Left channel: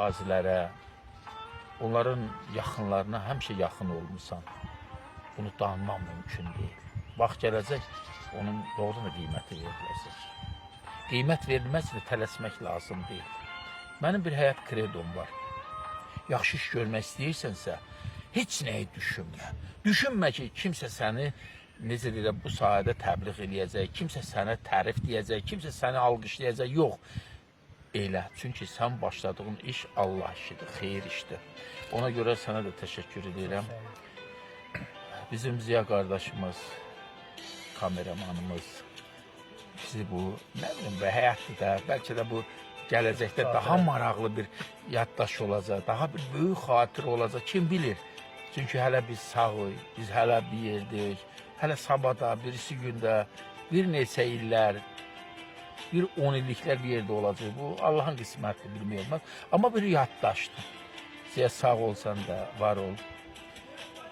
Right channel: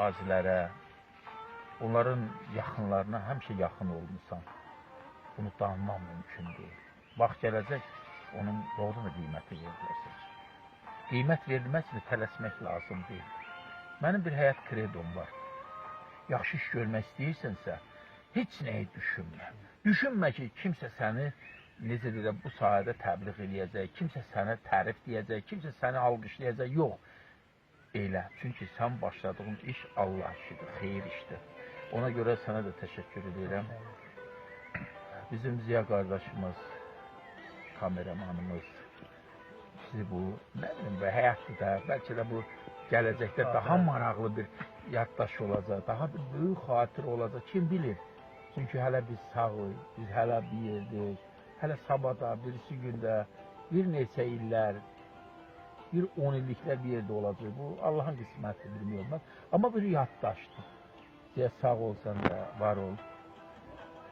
qazilərə, onların yaxınlarına həmişə yaxın olmuşsan. Bunu danmaq mümkün deyil. Vaxt gələcək, onun doğru da qiyməti veriləcək. Qiymət verilməz və tələsmək lazım deyil. Mənim bir həyat kredom var. Yaxşı iş görmək istəyirsənsə, heç nəyi düşünmə. Düşünmə ki, kimsə səni necə deyirəm, bu sahədə təbliğ eləyəcək, kimsə sənə tərif deyəcək, kimsə səni alqışlayacaq. Yox, elə. Çünki sən başladığın iş Allah işidir, xeyir işdir. Ona görə sənə də təşəkkür edirəm. Bizim Ziya qardaşımız, kameramanımız bizi bu, nə bilim, həyatda da, bəlkə də bu gələcəkdə daha maraqlı bir yaddaş olacaq, daha bir böyük xatir olacaq, kim bilir. Çünki hələ biz sağıq, biz hələ bir yerdəyik, hələ sabahda, birisi gündə, bir neçə illər, bir 10 illiklər bir yerdə olacaq. Bu Allahın qismətidir, bilmək olmaz. Amma bir yaddaşdır. Ziya sağ olsan da, var ol.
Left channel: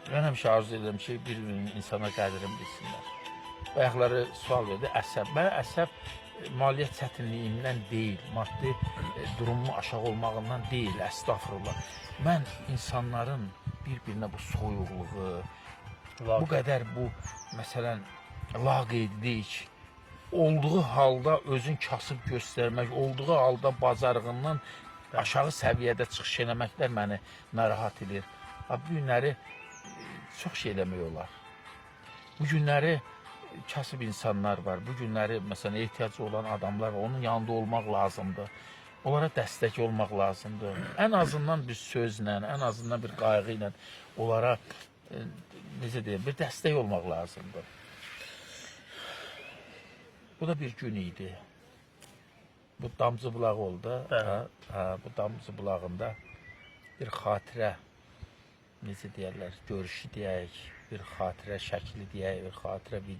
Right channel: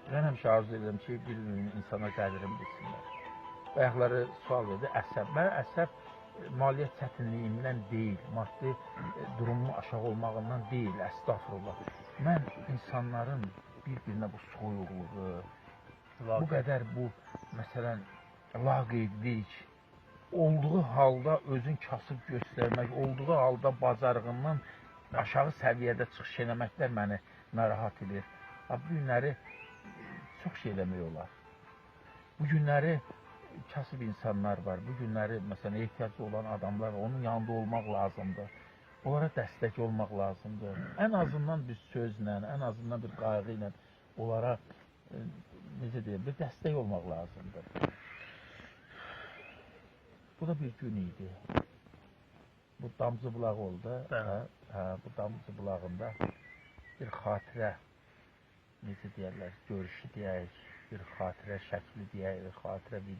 Mən həmişə arzu edirəm ki, bir-birinin insana qədrini bilsinlər. Bayaqları sual verdi, əsəb. Mən əsəb maliyyət çətinliyindən deyil, maddi durumun aşağı olmağından deyil, əstəğfurullah. Mən insanların bir-birinə bu soyuqluğu, bu qədər bu, məsələn, laqeydlik, olduğu halda özün kasıb göstərmək, olduğu halda bacarığından aşağı səviyyədə çıxış eləməklər məni narahat edir. Bu günləri çox şey eləmək olar. Bu günləri kasıb insanlar var. Bu günləri, məsələn, ehtiyacı olan adamlar var. Onun yanında olmaq lazımdır. Onlara dəstək olmaq lazımdır. Ən azından bir sözlə, ən azından bir qayğı ilə onlara, necə deyim, bir dəstək olmaq lazımdır. Bu da bir gün idi. Bu Damcı bulağı oldu. Bu Damcı bulağında bir xatirə, necə deyərlər, görüşü deyək, bir xatirə şəkli deyək, bir xatirə video.